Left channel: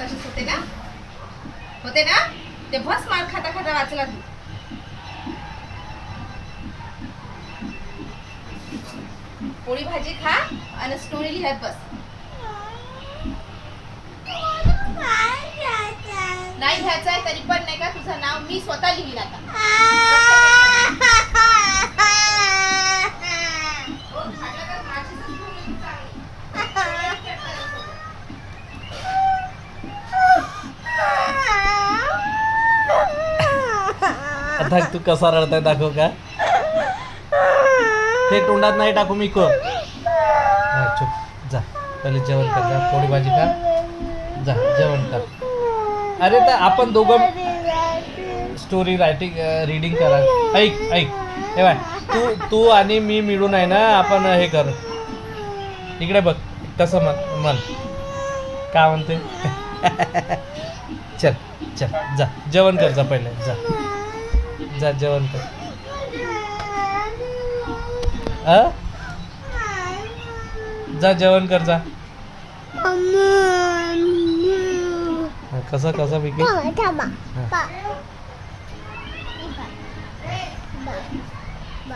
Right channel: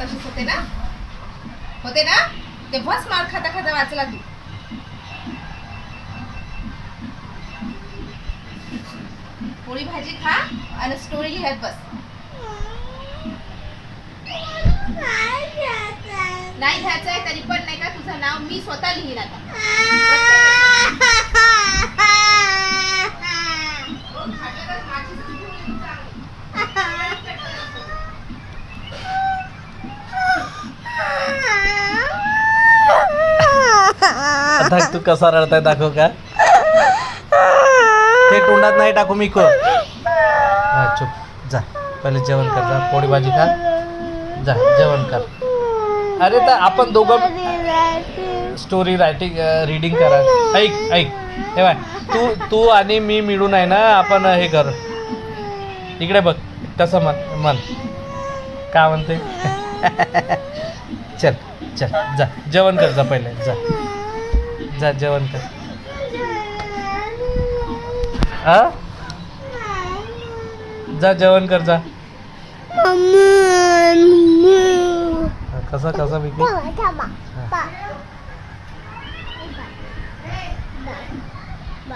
तसेच होते ना, होते ना. ते बस मार खाता खाता वाचला तू. पोळी भाजी खा आणि स्टोरी लिहत बस. नाही घ्यायचं आहे तरी पण नाही का तुझं नाव मी स्वतः लिहीन आता. आता तू कसा रडताय दाखव का. ते तोंडात नाही टाकू मी को. चुप जा, पहिले जेवण कर, जा पोळी भाजी खा, जा जेवण कर. अरे तर आपण दोघं स्टोरी रायटिंग रीडिंग करा. ऐक ऐक हे बाय, तू आणि मी मिळून आहे ना आपण हे करू. इकडे बघ कसं मन का म्हणते. चल चल जा जेवण कर, जा पहिले जा जा जेवण कर. जा जेवण कर जा. कसं कसं विकी.